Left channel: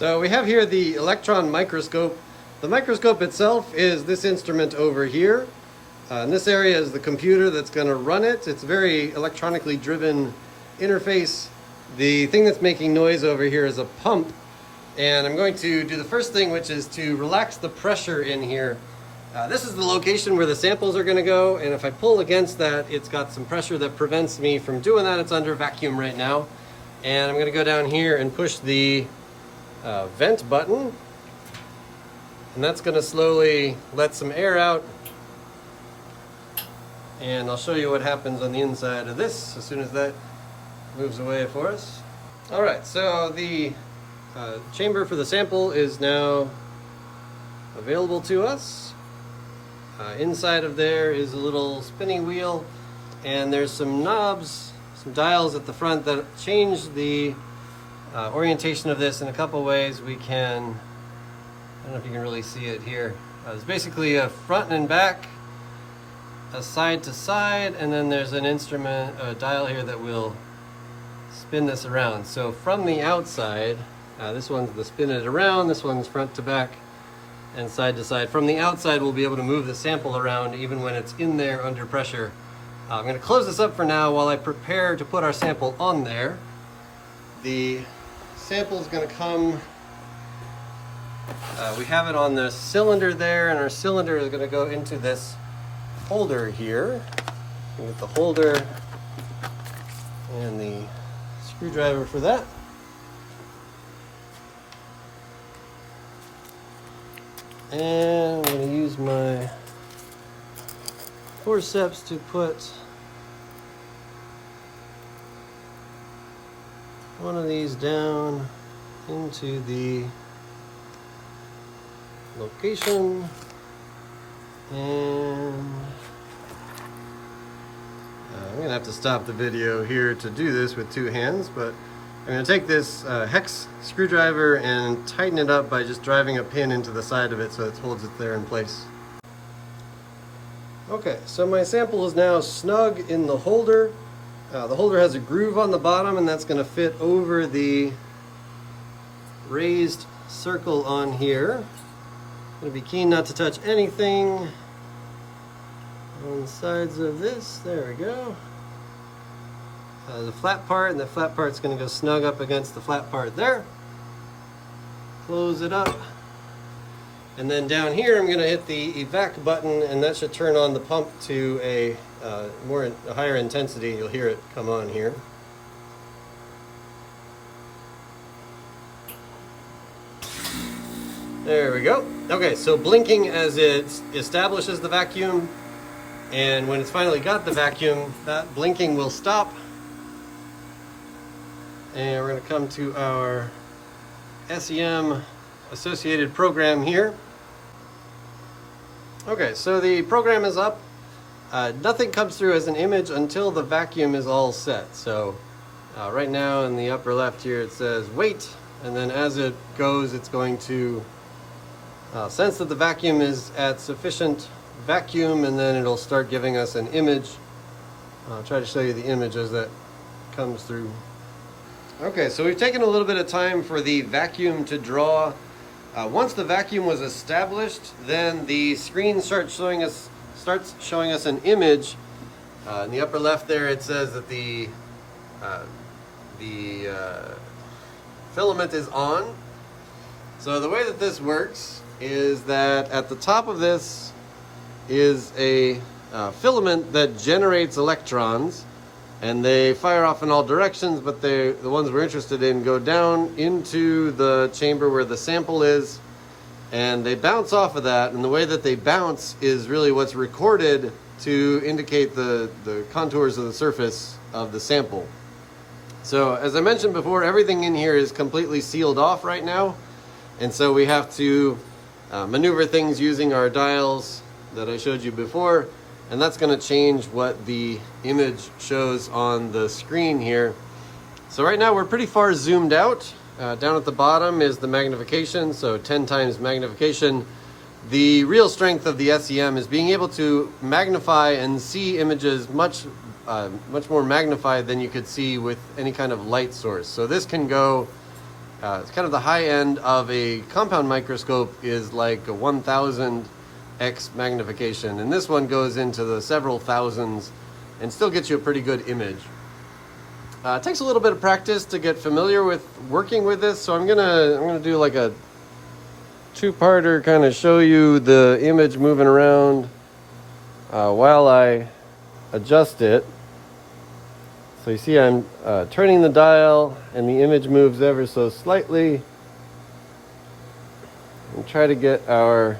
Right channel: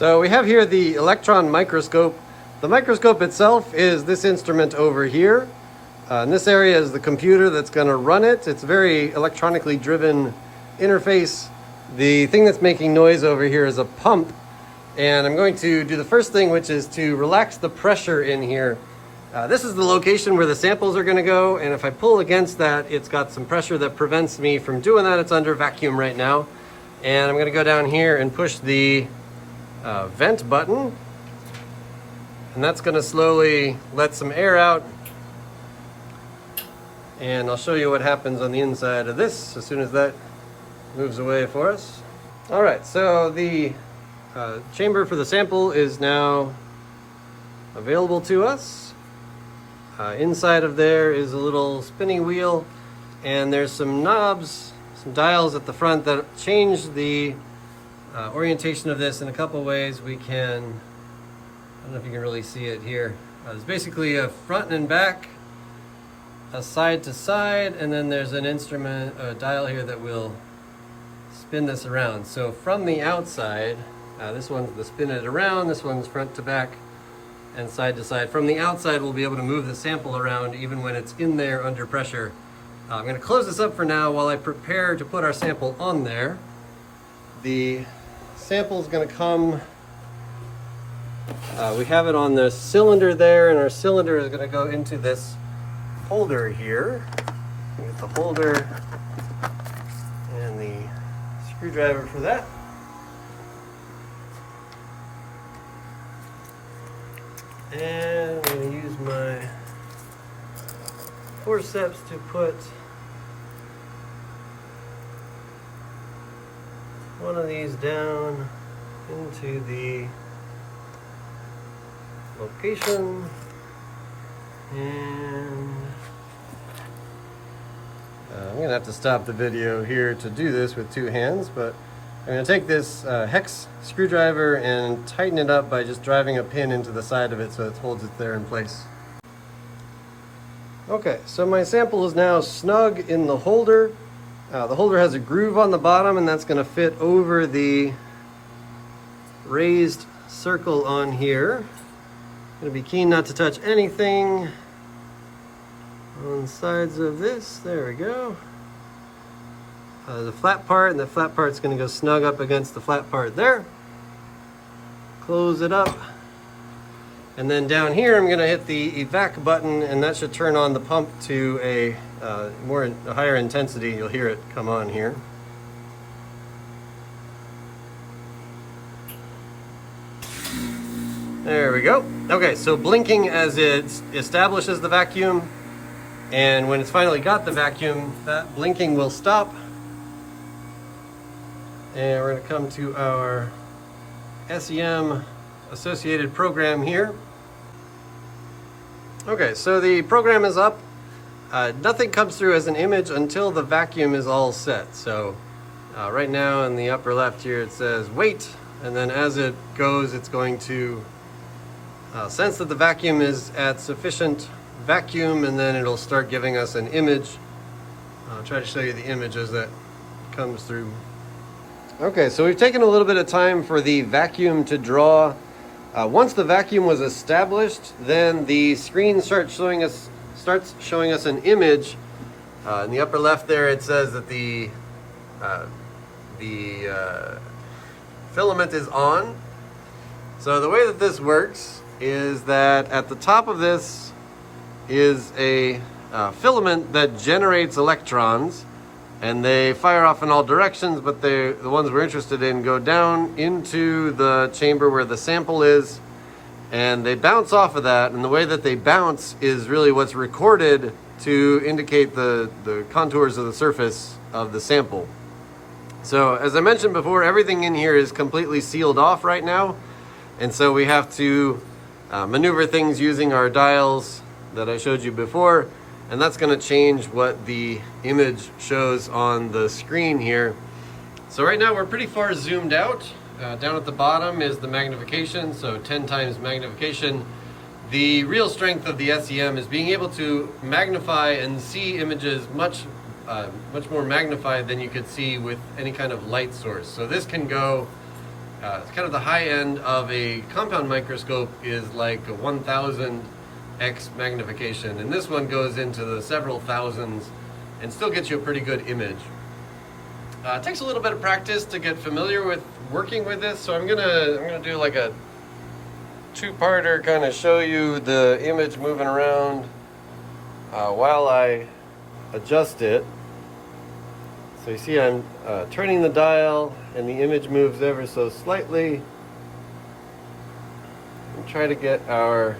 So we have here the electron microscope. The microscope itself is this instrument over here. And this area is the computer that's going to run it. It's a very electronically driven interface. The thing that's making noise over here is a pump. And I'm going to do the first thing, which is to relax the pressure in here. This is the location where the samples are going to go. And if I pull against that, it's got some pressure that prevents me from doing that. It's under vacuum right now. And I'm going to go down here and push the vent button. And that's going to slowly let some air out. And I'll show you what happens on the inside of this as soon as that moves away for us. All right, so the chamber for the sample is now available to us. Inside of there is a little spinning wheel, and there's some knobs, some dials at the front that change the orientation of this in a couple ways. We can, I don't know if you can really see it here. There's basically a front and back, a side to side, and then there's an instrument, a dial here that will spin this around. So from the outside, this one's the spin it around, this one's front to back and side to side. From the outside, we'll be able to move the sample around even when it's in there under pressure. I'm going to close this up for now while I prepare to put our sample on there. The sample is going to come, we have it on the cylinder there, and our cylinder is going to go into this holder here. Get the holder and the screwdriver for that. And I'm going to use my forceps to put one of these down into the location. And I'm going to have to stop the video here to do this with two hands, but I'm going to take this hex screwdriver and tighten it up by just driving a pin into the side of it so it holds it there in place. Okay, so my sample is now snug in the holder. The holder has a groove on the bottom, and that's going to fit over the raised circle on here. I'm going to be keen not to touch anything on the sides of this. There we go. There's a flat part, and the flat part's going to go snug up against the flat part there. Close it up. And then down here I'm going to hit the evac button, and that should turn on the pump to a higher intensity. You'll hear it come on here. There we go. Okay, so blinking as it establishes the vacuum, and when it's finally got the vacuum, that blinking will stop. And we're going to come to our SEM associated program here. Okay, so the program is up. Nothing comes through as an image until the vacuum is all set. So right now in the upper left here it says wait, and then as it goes it's going to sense that the vacuum is at sufficient vacuum, and then it'll start giving us an image. I'll try to show you the image as that comes through. Okay, so we've taken a little bit of time for the vacuum to draw. Once the vacuum was established, then the screen starts showing us an image. In the upper left there, it says that the filament is on. So the way that this works is that at the top of this is a filament that generates electrons, and they fire off in all directions, but the ones we're interested in go down into the chamber where the sample is, and they bounce off of that, and the way that they bounce is really what's recorded to indicate the contours of the surface of the sample. So as I mentioned before, everything in here is completely sealed off right now, and so we have to maneuver things using our dials that I showed you before, and that's going to change what the image shows on the screen here. So right now we're pretty far zoomed out. Down at the bottom is the magnification, so 10 times magnification. The real strength of the SEM is being able to magnify and see images much more magnified than you could see with any kind of light source. So this can go It's kind of the high end of a compound microscope is like a 1000x magnification, and this one goes into the several thousands and still gets you a pretty good image. It takes a little bit of practice to get familiar with working with this, so I'm gonna do like a two-parter, kind of show you the image moving around while I adjust it. So you see I'm turning the dial and the image moves ever so slightly. And try to get our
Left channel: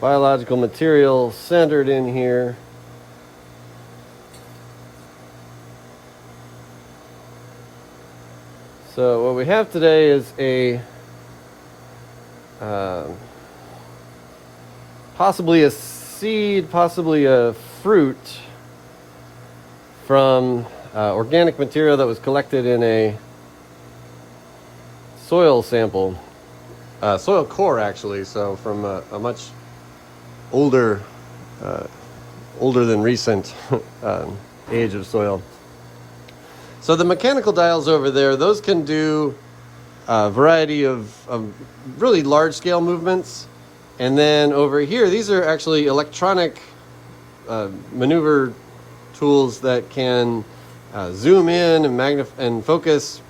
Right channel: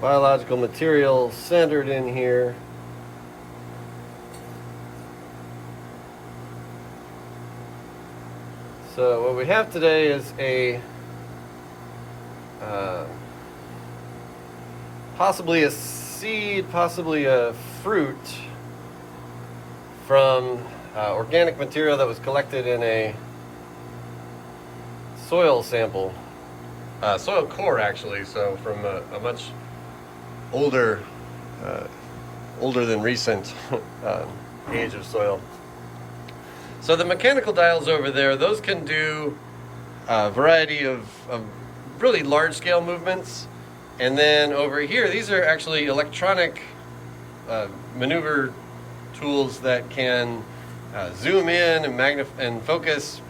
biological material centered in here. So what we have today is a possibly a seed, possibly a fruit from organic material that was collected in a soil sample, soil core actually, so from a much older than recent age of soil. So the mechanical dials over there, those can do a variety of really large scale movements. And then over here, these are actually electronic maneuver tools that can zoom in and magnify and focus,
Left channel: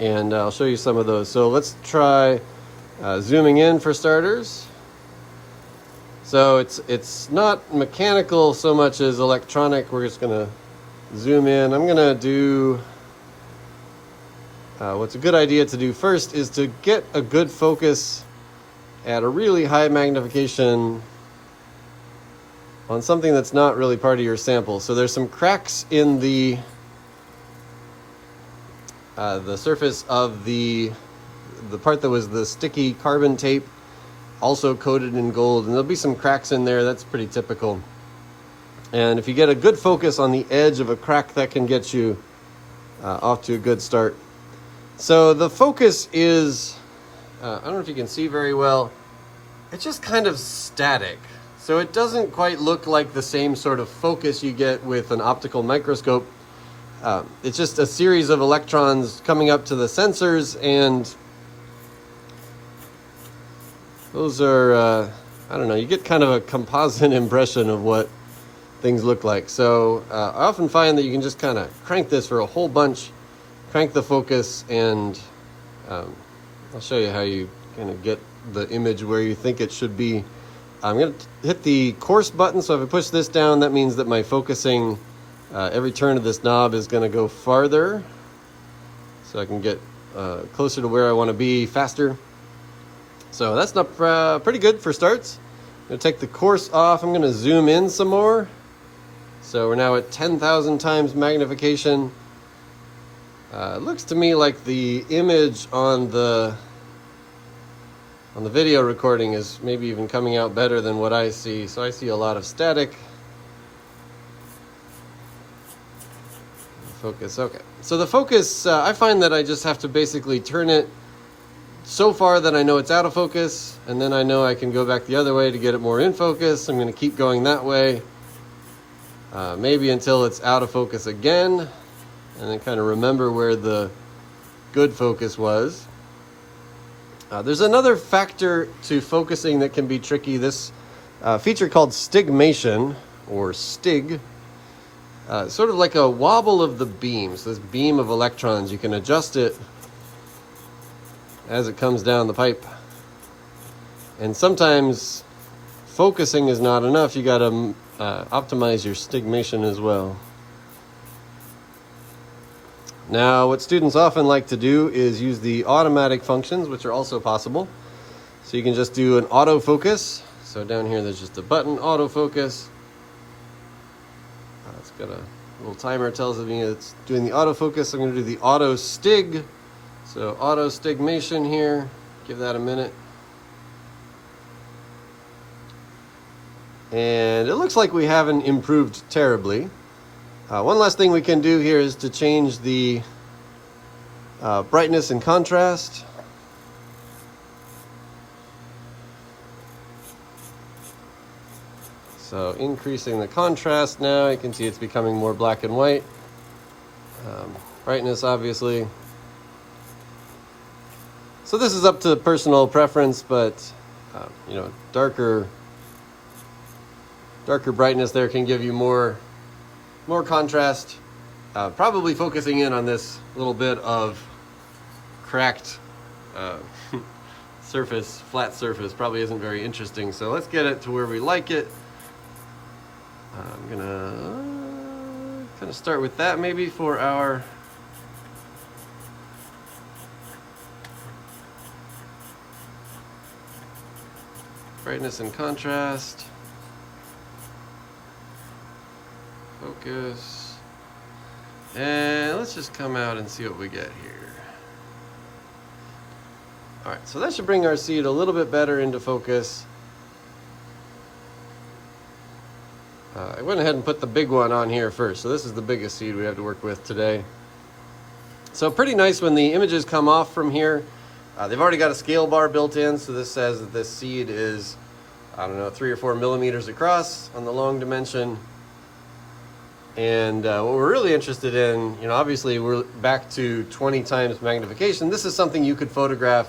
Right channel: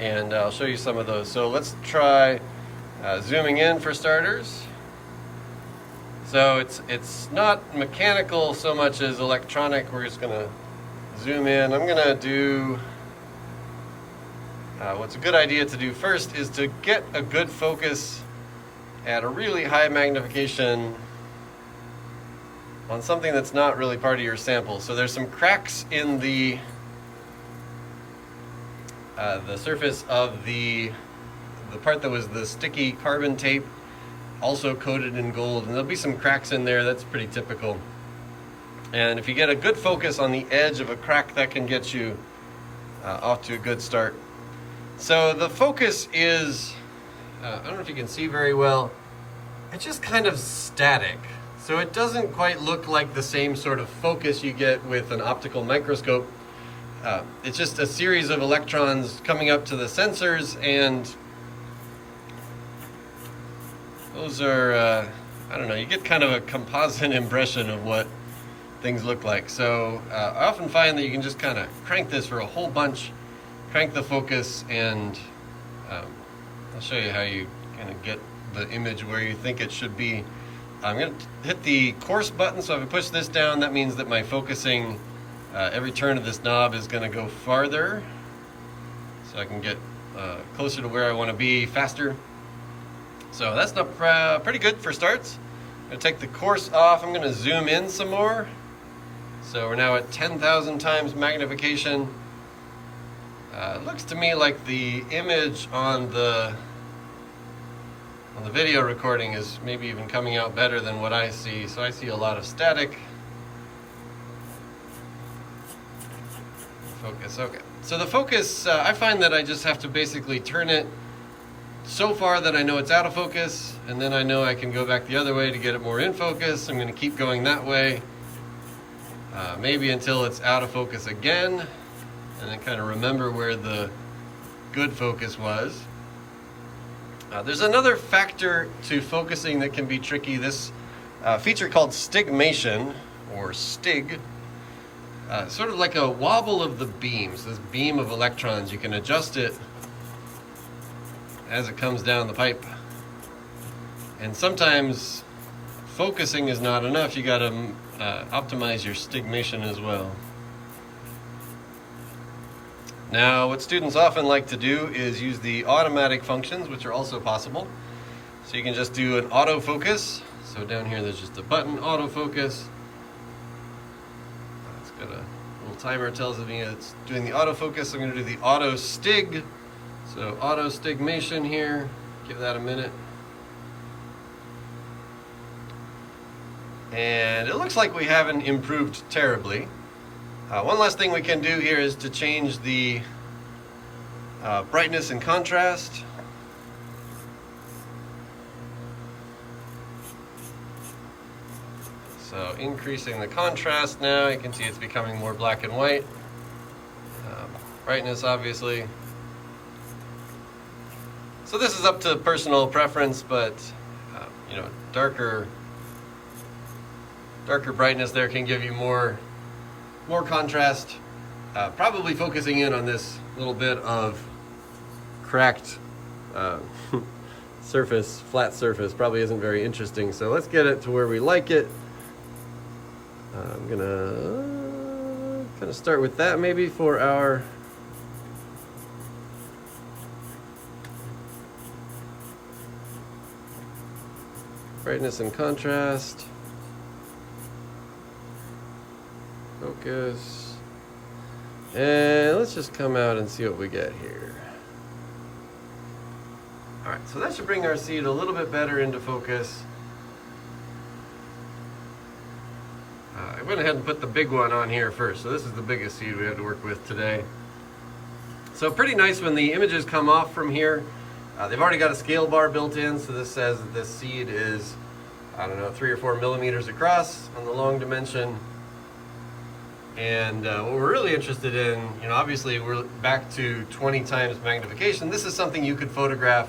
and I'll show you some of those. So let's try zooming in for starters. So it's not mechanical so much as electronic. We're just gonna zoom in. I'm gonna do what's a good idea to do first is to get a good focus at a really high magnification on something that's not really part of your sample. So there's some cracks in the surface of the part that was the sticky carbon tape, also coated in gold, and there'll be some cracks in there. That's pretty typical. And if you get a good focus on the edge of a crack, that can get you off to a good start. So the focus is, I don't know if you can see very well, it's just kind of static. So it doesn't quite look like the same sort of focus you get with an optical microscope. It's just a series of electrons coming up to the sensors, and those are, I don't know, you get kind of a composite impression of what things look like. So I often find that you can just kind of crank this for a whole bunch, crank the focus, and I'll show you how you kind of get the image where you think it should be. I'm going to hit the coarse button, so if I push this down, that means that my focusing, every turn of this knob is going to go farther, so I can get closer to where I want to be faster. So that's not pretty good for starts. I'm going to take the coarse off. I'm going to zoom in some more. So we're now at 10,000 times magnification. It looks to me like the image on the video recording is maybe even coming out better than what I see. So I see a lot of static. Focus, okay. So the focus, I find that I just have to basically turn it so far that I know it's out of focus, and then I know I can go back the other way to get it more in focus. I'm going to keep going that way, maybe until it's out of focus again, and then kind of remember where the good focus was. There's another factor to focusing that can be tricky. This feature called stigmation, or stig, sort of like a wobble of the beam. So this beam of electrons, you can adjust it as it comes down the pipe. And sometimes focusing is not enough. You got to optimize your stigmation as well. Now, what students often like to do is use the automatic functions, which are also possible. So you can just do an autofocus. So down here, there's just a button, autofocus. It's got a little timer tells me it's doing the autofocus. I'm going to do the auto stig. So auto stigmation here. Give that a minute. And it looks like we haven't improved terribly. One last thing we can do here is to change the brightness and contrast. So increasing the contrast now, you can see it's becoming more black and white. Brightness, obviously. So this is up to personal preference, but you know, darker brightness there can give you more contrast. Probably focusing in on this little bit of cracked surface, flat surface, probably isn't very interesting. So let's get it to where we like it. I'm gonna kind of start with that maybe for our brightness and contrast. Focus. And let's just come out and see what we get here. All right, so that should bring our seed a little bit better into focus. I went ahead and put the big one on here first. So this is the biggest seed we have to work with today. So pretty nice when the images come off from here. They've already got a scale bar built in, so this says that this seed is, I don't know, 3 or 4 millimeters across on the long dimension. And what we're really interested in, you know, obviously we're back to 20 times magnification. This is something you could photograph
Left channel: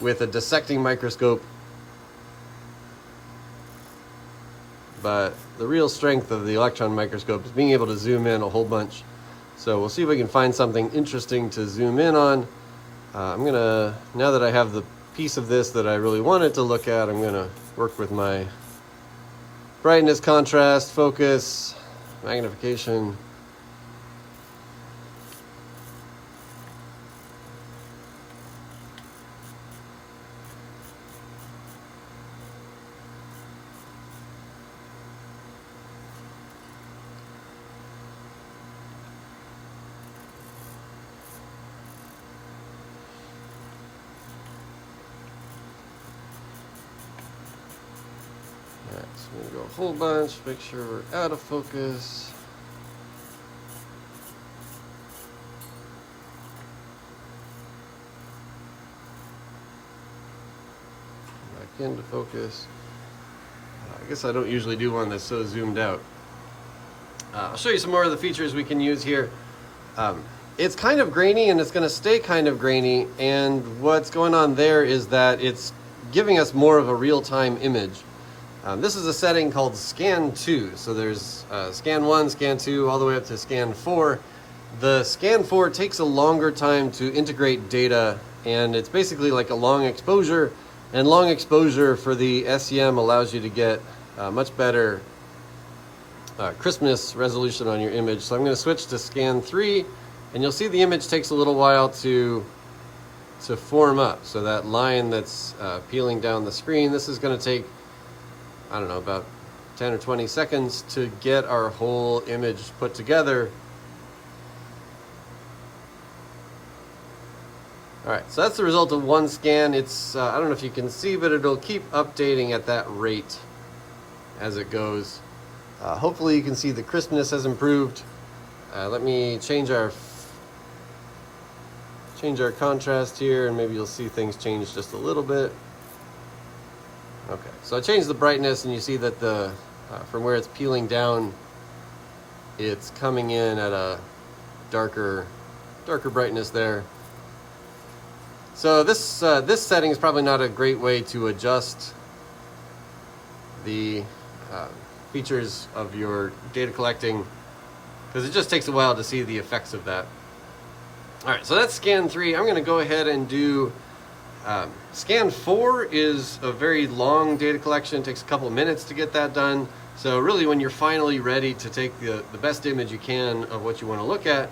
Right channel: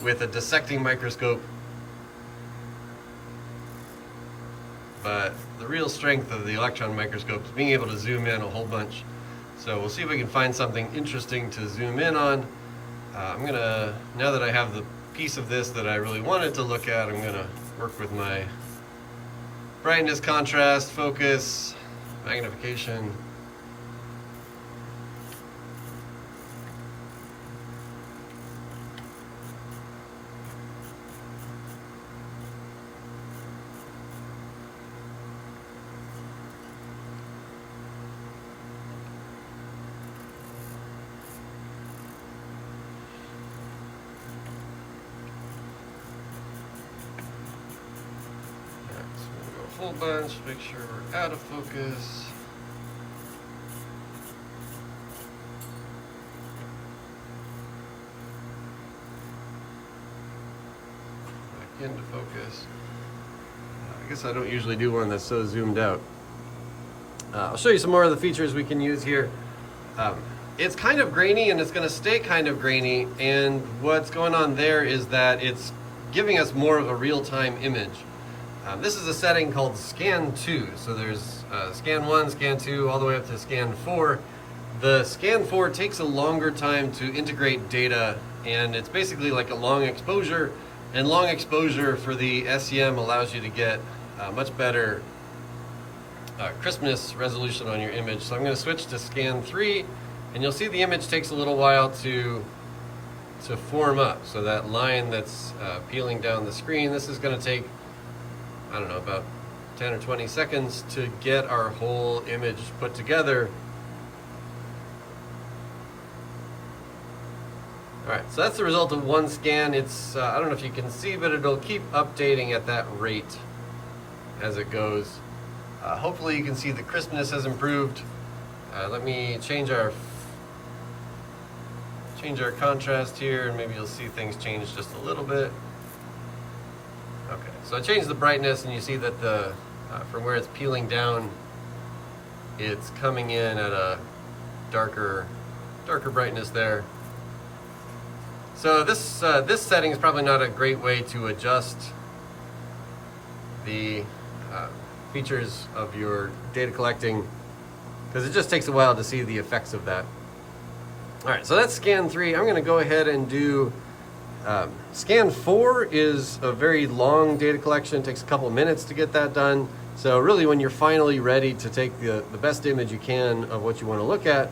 with a dissecting microscope. But the real strength of the electron microscope is being able to zoom in a whole bunch. So we'll see if we can find something interesting to zoom in on. I'm gonna, now that I have the piece of this that I really wanted to look at, I'm gonna work with my brightness, contrast, focus, magnification. Whole bunch, make sure we're out of focus. Back into focus. I guess I don't usually do one that's so zoomed out. I'll show you some more of the features we can use here. It's kind of grainy and it's going to stay kind of grainy, and what's going on there is that it's giving us more of a real-time image. This is a setting called Scan 2. So there's Scan 1, Scan 2, all the way up to Scan 4. The Scan 4 takes a longer time to integrate data, and it's basically like a long exposure. And long exposure for the SEM allows you to get much better crispness resolution on your image. So I'm going to switch to Scan 3, and you'll see the image takes a little while to form up. So that line that's peeling down the screen, this is going to take, I don't know, about 10 or 20 seconds to get our whole image put together. All right, so that's the result of one scan. It's, I don't know if you can see, but it'll keep updating at that rate as it goes. Hopefully you can see the crispness has improved. Let me change our contrast here, and maybe you'll see things change just a little bit. Okay, so I changed the brightness, and you see that the from where it's peeling down, it's coming in at a darker brightness there. So this setting is probably not a great way to adjust the features of your data collecting, because it just takes a while to see the effects of that. All right, so that's Scan 3. I'm going to go ahead and do Scan 4 is a very long data collection. It takes a couple minutes to get that done. So really, when you're finally ready to take the best image you can of what you want to look at,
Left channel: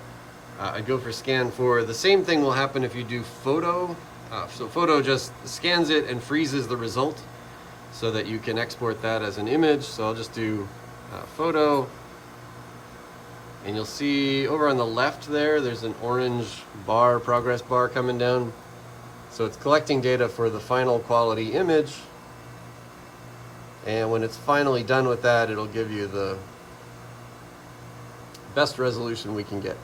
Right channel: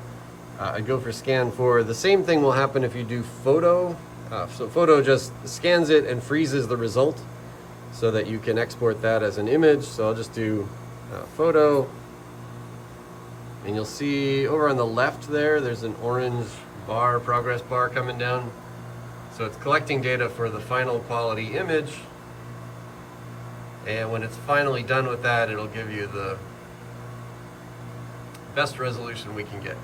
I'd go for Scan 4. The same thing will happen if you do Photo. So Photo just scans it and freezes the result so that you can export that as an image. So I'll just do Photo. And you'll see over on the left there's an orange bar, progress bar coming down. So it's collecting data for the final quality image. And when it's finally done with that, it'll give you the best resolution we can get.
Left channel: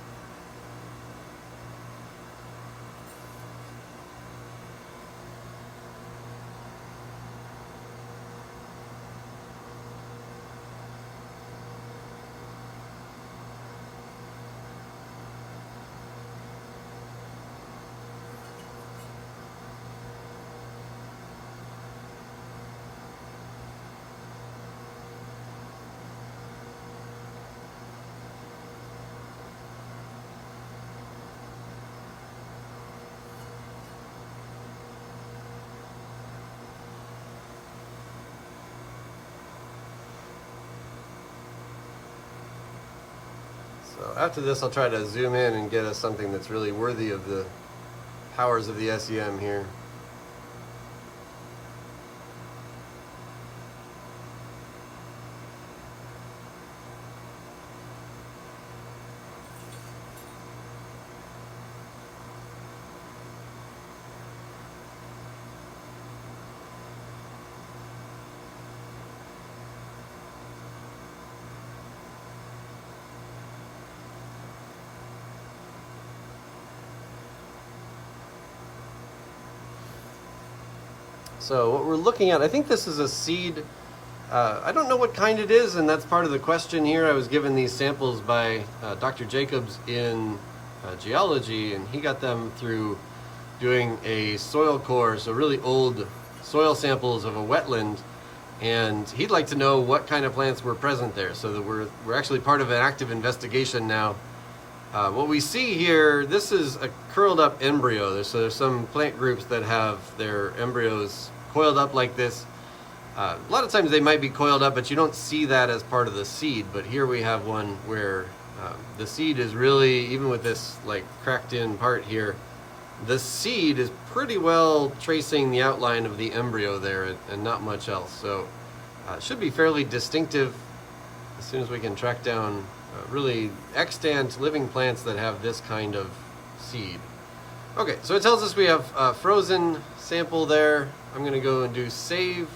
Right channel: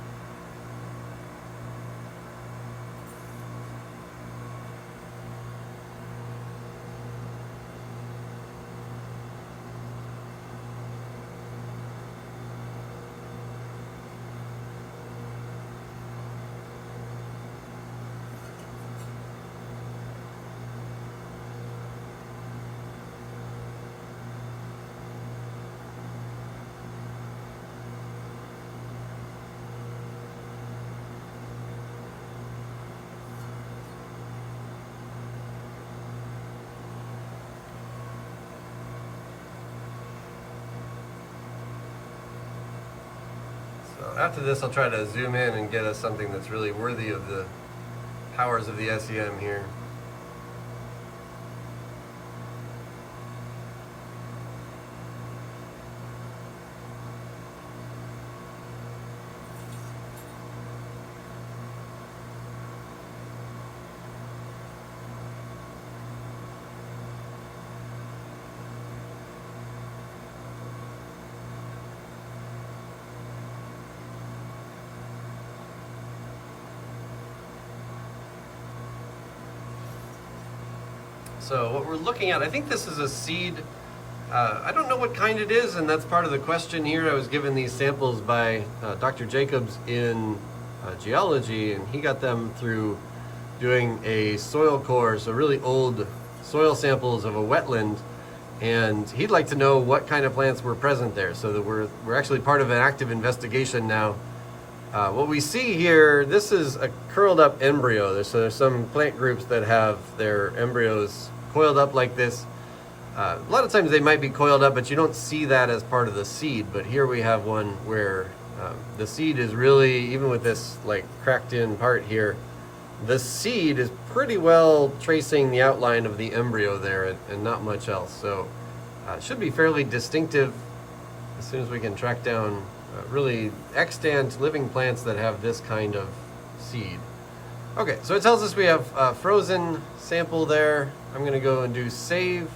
So after this, I'll try to zoom in and get us something that's really worthy of the powers of the SEM here. So what we're looking at, I think this is a seed. I don't know what kind it is, and that's part of the question here. I was given these samples by Dr. Jacobs in geology, and he got them through doing a soil core, so really old soil samples of a wetland, and he'd like to know what kind of plants were present there, so that we're actually part of an active investigation now. What we see here, this is a curled up embryo. So there's some plant groups that have their embryos coiled up like this. A lot of times they might be coiled up, but you don't see that as part of the seed. But here we have one where the seed is really, even with this like cracked in part here, the seed is pretty well tracing the outline of the embryo there and not much else. So it should be fairly distinctive as soon as we can track down really extant living plants that have this kind of seed. Okay, so it tells us we have a frozen sample there. I'm going to go and do save,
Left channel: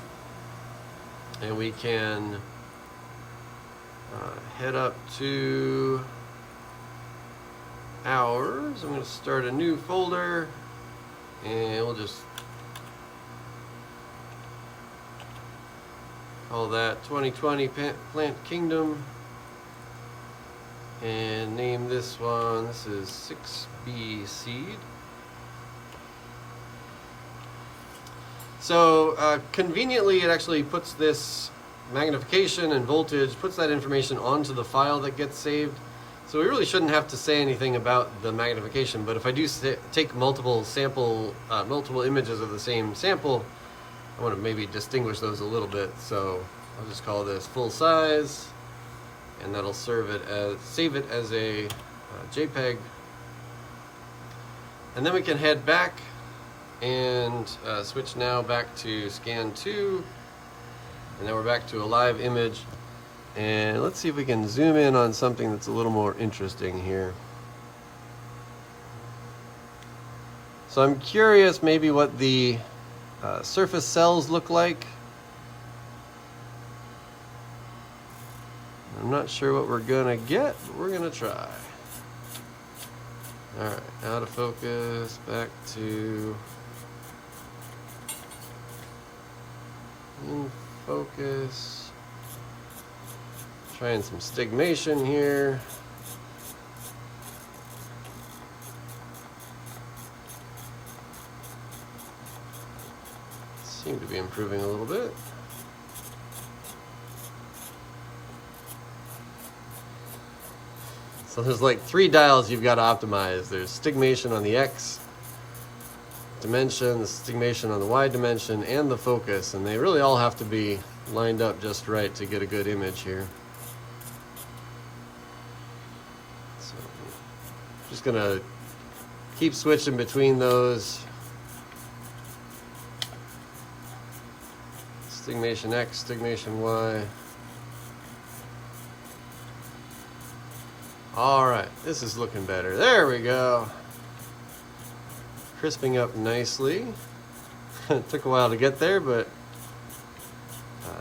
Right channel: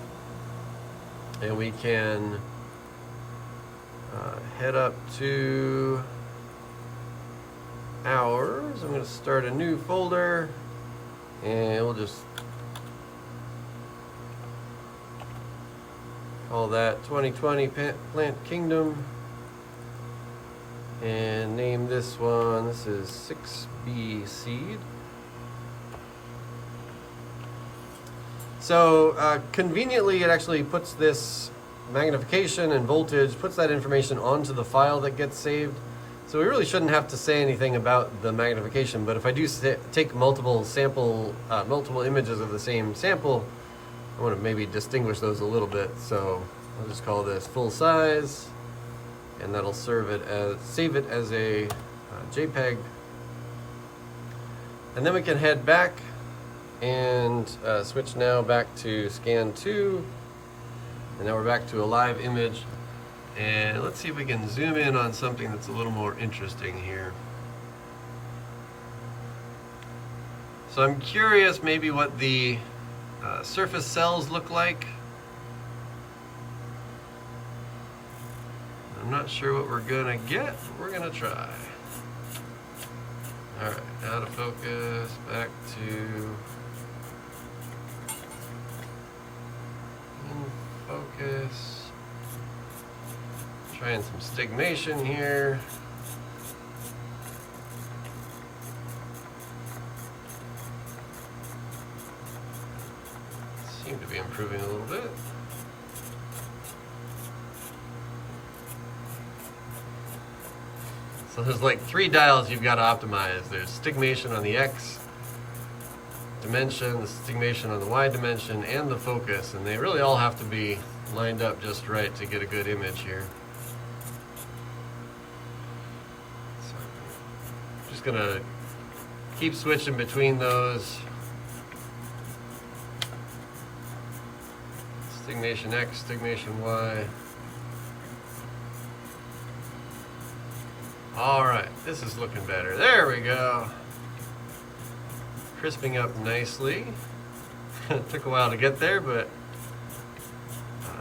and we can head up to ours. I'm going to start a new folder, and we'll just call that 2020 Plant Kingdom. And name this one, this is 6B seed. So conveniently it actually puts this magnification and voltage, puts that information onto the file that gets saved. So we really shouldn't have to say anything about the magnification, but if I do take multiple images of the same sample, I want to maybe distinguish those a little bit. So I'll just call this full size, and that'll save it as a JPEG. And then we can head back and switch now back to scan 2. And now we're back to a live image. And let's see if we can zoom in on something that's a little more interesting here. So I'm curious maybe what the surface cells look like. I'm not sure what we're gonna get, but we're gonna try. All right, out of focus, back to in focus. Trying some stigmation here. Seem to be improving a little bit. So there's like 3 dials you've got to optimize. There's stigmation on the X dimension, the stigmation on the Y dimension, and the focus, and they really all have to be lined up just right to get a good image here. So I'm just gonna keep switching between those. Stigmation X, stigmation Y. All right, this is looking better. There we go. Crisping up nicely. It took a while to get there, but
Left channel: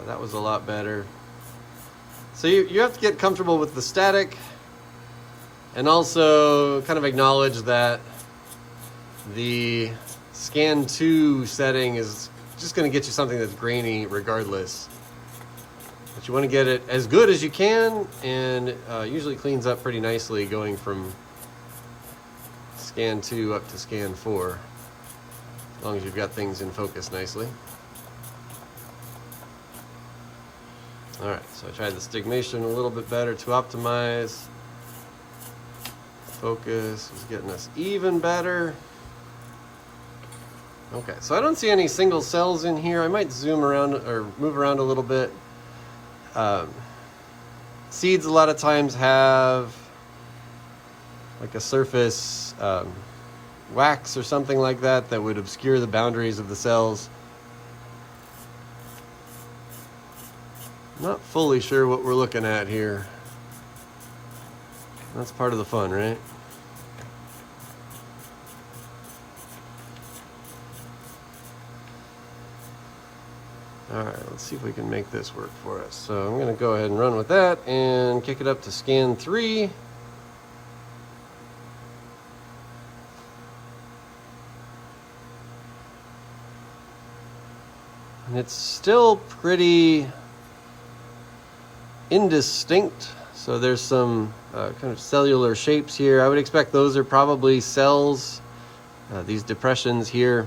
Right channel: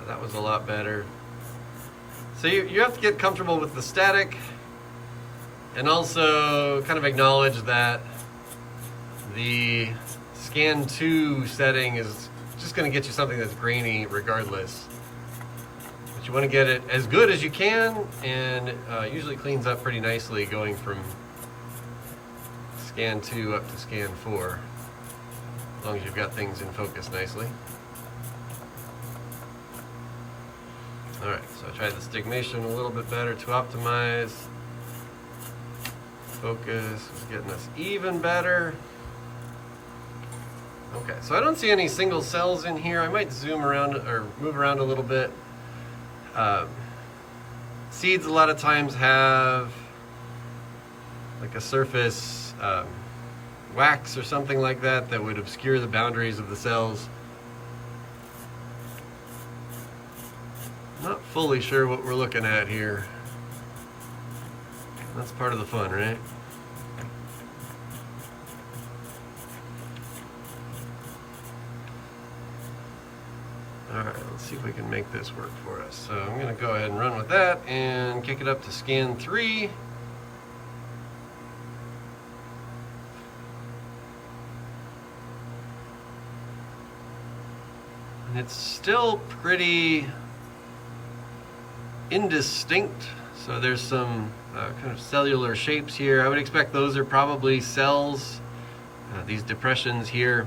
that was a lot better. So you have to get comfortable with the static and also kind of acknowledge that the scan 2 setting is just going to get you something that's grainy regardless. But you want to get it as good as you can, and usually cleans up pretty nicely going from scan 2 up to scan 4, as long as you've got things in focus nicely. All right, so I tried the stigmation a little bit better to optimize. Focus was getting us even better. Okay, so I don't see any single cells in here. I might zoom around or move around a little bit. Seeds a lot of times have like a surface wax or something like that that would obscure the boundaries of the cells. Not fully sure what we're looking at here. That's part of the fun, right? All right, let's see if we can make this work for us. So I'm going to go ahead and run with that and kick it up to scan 3. And it's still pretty indistinct. So there's some kind of cellular shapes here. I would expect those are probably cells, these depressions here.